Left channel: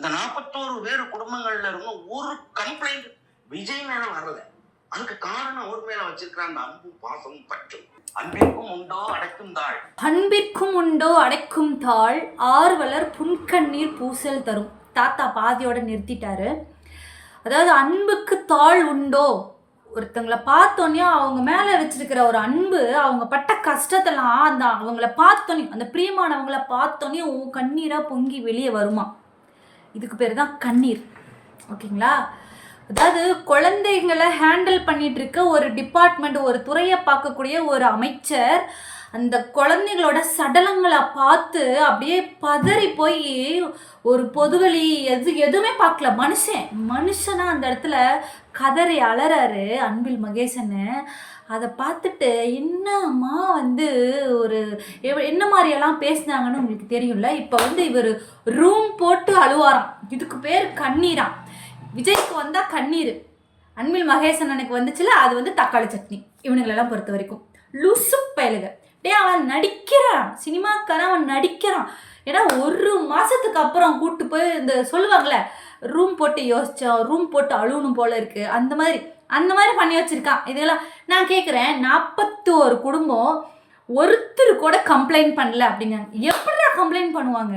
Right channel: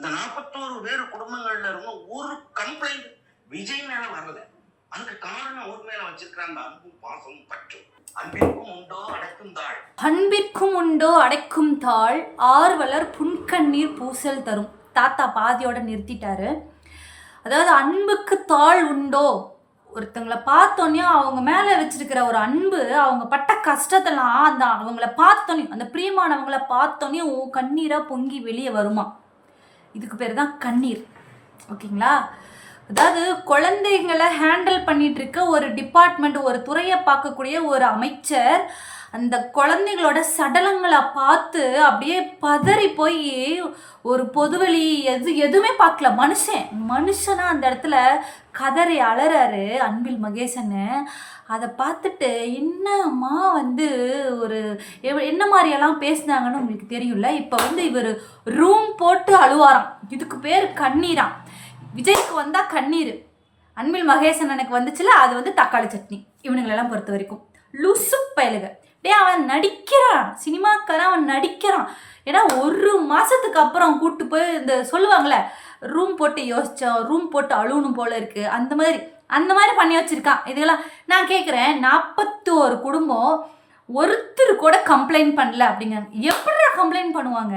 இந்த நாற்பத்தோரு பேர் குடும்பங்கள்ல இருந்து ஒரு கம்ப்ளைண்ட் விஜய் மேல வரல. அதுக்கு காரணம் அவர் மேல வச்சிருக்கிற அந்த அன்பும் பாசமும் பற்றும். அன்பிற்கும் உண்டோ அடைக்கும் தாழ். அன்பிற்கும் உண்டோ அடைக்கும் தாள் ஆர்வலர் புன்கண்ணீர் பூசல் தரும். தாத்தா பாதியோட நிறுத்திட்டாரு. அதாவது அன்புக்கு தாள் உண்டோ? ஒருத்தங்களை பார்த்தோன்னே அவங்க மேலே வச்சிருக்கிற ஒரு அன்பு அவங்க பட்ட கஷ்டத்தெல்லாம் அந்த அவங்கள பார்த்தோன்னே அந்த பிரியமானவங்கள பார்த்தோன்னே உன் கண்ணீராக பொங்கி வெளியே வருமா? இதுக்கு பேர் தான் கண்ணீர். ஓகேங்களா? அதாவது குழந்தைங்களை ஹேண்டில் பண்ணிட்டு இருக்க ஒரு டிபார்ட்மெண்ட் ஒரு துறையை பார்க்கக்கூடிய ஒரு அமைச்சர் அந்த குழந்தைகளோட சடலங்களை பார்த்து அப்படியே பதறி போய் ஒரு பொதுவெளி எது எதுவுமே பார்க்கல. மனுஷன் மனுஷனாக அந்த இடத்துல கதறி அலறாரு அன்பில் மகேசன்னு. அதை பார்த்துட்டு என்னம்மா வந்து ஒரு எவ- என்ன மாதிரியெல்லாம் பேசுனாங்கன்னு உங்களுக்கு தெரியும்ல? இப்போ வந்து இவர் ரூம் போட்டு அழுவாராம். இதுக்கு பேர் கண்ணீராம். விஜய்க்கு வந்தால் கண்ணீர். அன்பில் மகேசன் எனக்கு வந்துச்சுல அது வந்து தக்காளி சட்னி. இவனுங்களெல்லாம் பொறுத்த வரைக்கும். லுசு பயலுக. டேய் அவன் நடிக்கிறான். சினிமாக்காரன் அவன் நடிக்கிறான். ஏன்னா ஒரு மாதத்துக்கு அப்புறம் கூட்டு போய் இந்த சொல்லுவாங்களே ரூம் போட்டு யோசித்தோம் ரூம் போட்டு அழுகணும் போல இருக்குது அந்த மாதிரி அந்த மாதிரி பண்ணி வச்சுருக்கான். இதெல்லாம் நான் கேட்குறேன் நாற்பத்தி ஒரு குடும்பம் ஒருத்தர் கூட கம்ப்ளைண்ட் பண்ணல அப்படிங்கிறாங்க எப்படி கம்ப்ளைண்ட் பண்ணுவாங்க?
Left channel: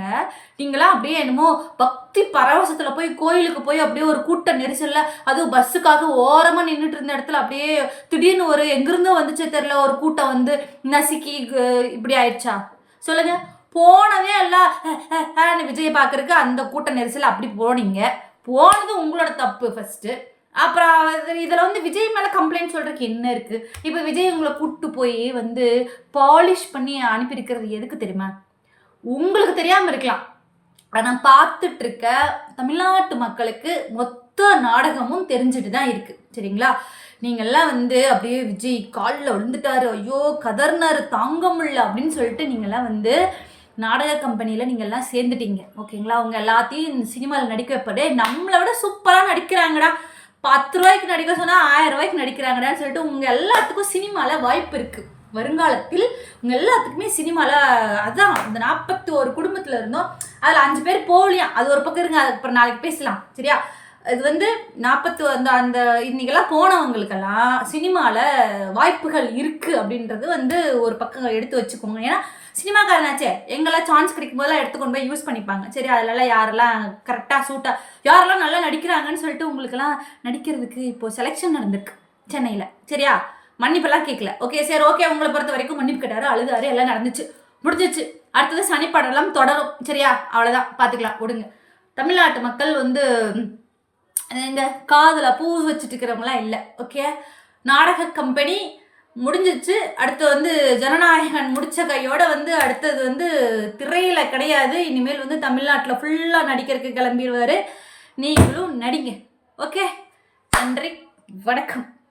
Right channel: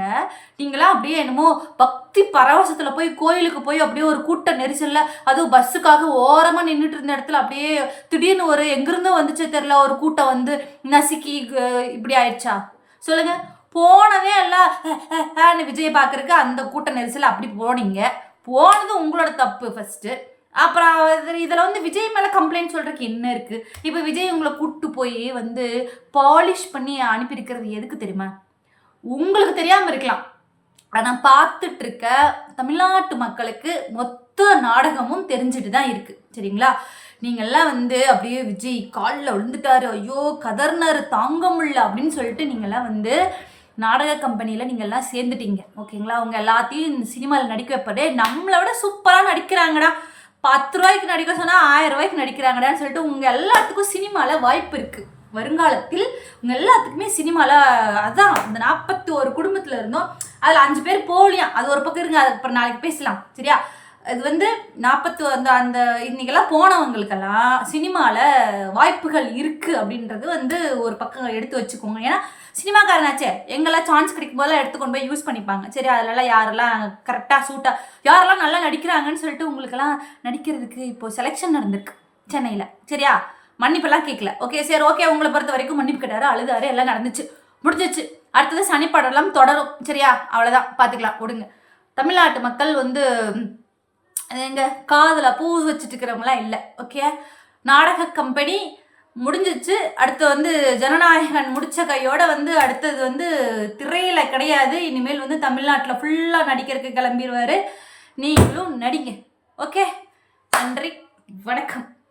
நீங்களாம் அப்படியே என்னமோ பக்தி பரவசத்தில் போய் கோயிலுக்கு போய் அப்படியே ஒரு கூட்ட நெரிசலில் அதுவும் பஸ்ஸுக்காக ஓரமாக நின்றுட்டு இருந்த இடத்துல அப்படியே திடீர்னு ஒரு எங்கிருந்தோ வந்துச்சு தெரில ஒரு கூட்டம் வந்து நசுக்கி இப்படி ஆயிடுச்சா? சொல்லுங்க. போனதே எல்லாம் அஹ், விஜய் பார்க்கறதுக்கு அந்த கூட்ட நெரிசல் அப்படி போனீங்க. போனது உங்களோட தப்பு ஃபஸ்ட்டு அப்புறம் இதில் வந்து விஜய் மேலே கம்ப்ளைண்ட் சொல்கிறதுக்கு என்ன இருக்குது இப்போ விஜய் உங்களை கூப்பிட்டு போய் வந்து பாலிஷ் பண்ணி அனுப்பியிருக்கிறது எதுக்கு தெரியுமா? உங்களுக்கு தெரியாமல் இருக்கலாம். ஆனால் பார்த்துட்டு இருக்க தமிழ்நாட்டு மக்களுக்கு மொத்த நாடகமும் தெரிஞ்சுட்டு தான் இருக்குது சரிங்களா? நீங்கள்லாம் வந்து அப்படியே விஜய் காலில் விழுந்துட்டாரு. ஐயோ கதர்னாரு தாங்க முடியல அப்படின்னு சொல்லிட்டு நீங்கள்லாம் வந்து நாடக கம்பெனியில் நீங்கள்லாம் சேர்ந்துட்டீங்க. ஓகேங்களா? அவங்க எல்லாத்தையும் இந்த சினிமாவில் நடிக்க வைப்பதே நம்மளை விட சூப்பராக நடிக்கிறாங்கடா. பத்து ரூபாய்க்கு நடிக்க சொன்னால் ஆயிரம் ரூபாய்க்கு நடிக்கிறாங்கடான்னு சொல்லிட்டு உங்கள் எல்லாத்துக்கும் சினிமாவில் வாய்ப்பு இருக்குது வருங்காலத்தில் உங்கள் எல்லாத்துக்குமே சினிமாவில் அதான் இந்த நாற்பத்தி ஒரு குடும்பத்தில் இருந்தோம். அதில் அஞ்சு பேர் போகலையாம் அது ஒரு பக்கம் இருங்க அது அப்புறம் நாளைக்கு பேசலாம். சரியா? இது வந்து நாற்பத்தி அந்த அந்த இன்றைக்கெல்லாம் போனவங்களுக்கெல்லாம் சினிமாவில் வாய்ப்புகள் இருக்குது அப்படின்றது வந்து ஒரு பக்கம் எடுத்து வச்சுக்கோங்க. ஏன்னா சினிமாக்காரனாச்சே எங்கெல்லாம் சான்ஸ் கிடைக்கும் போதெல்லாம் எடுத்துக்கொண்டு போய் யூஸ் பண்ணிப்பாங்க. சரி அதிலலாம் யாரெல்லாம் கரெக்டாக சூட்டாக யாரெல்லாம் நல்லா நடிக்கிறாங்கன்னு சொல்லிட்டு உங்களுக்கெல்லாம் நடிக்கிறதுக்கு இப்போது செலெக்ஷன் நடந்திருக்கு சென்னையில். சரியா? மன்னிப்பெல்லாம் கேட்கல ஓகே சரி ஓகே உங்களை பொறுத்த வரைக்கும் மன்னிப்பு கேட்டாரு அழுதாரு எல்லாம் நடந்துச்சு. முடிஞ்சிச்சு அடுத்தது சனிப்படம்லாம் தொடரும். சரியா? அவ்வளோதான் பார்த்துக்கலாம். விடுங்க தமிழ்நாட்டு மக்கள் வந்து எங்கள் காதில் பூ வச்சுட்டு இருக்கிறவங்களாம் இல்லை. ஓகே நாடக கம்பெனி முடிஞ்சிச்சு. அடுத்து வந்து ஜனநாயகன் முடித்த கையோடு வந்து அடுத்தது வந்து திரையில் கிடையாது. இனிமேல் வந்து தமிழ்நாட்டில் ஃபுல்லாக நடிக்கிறதுக்கு கிளம்பிடுவார் நீங்களும் நடிங்க. ஓகே நன்றி. வணக்கம்.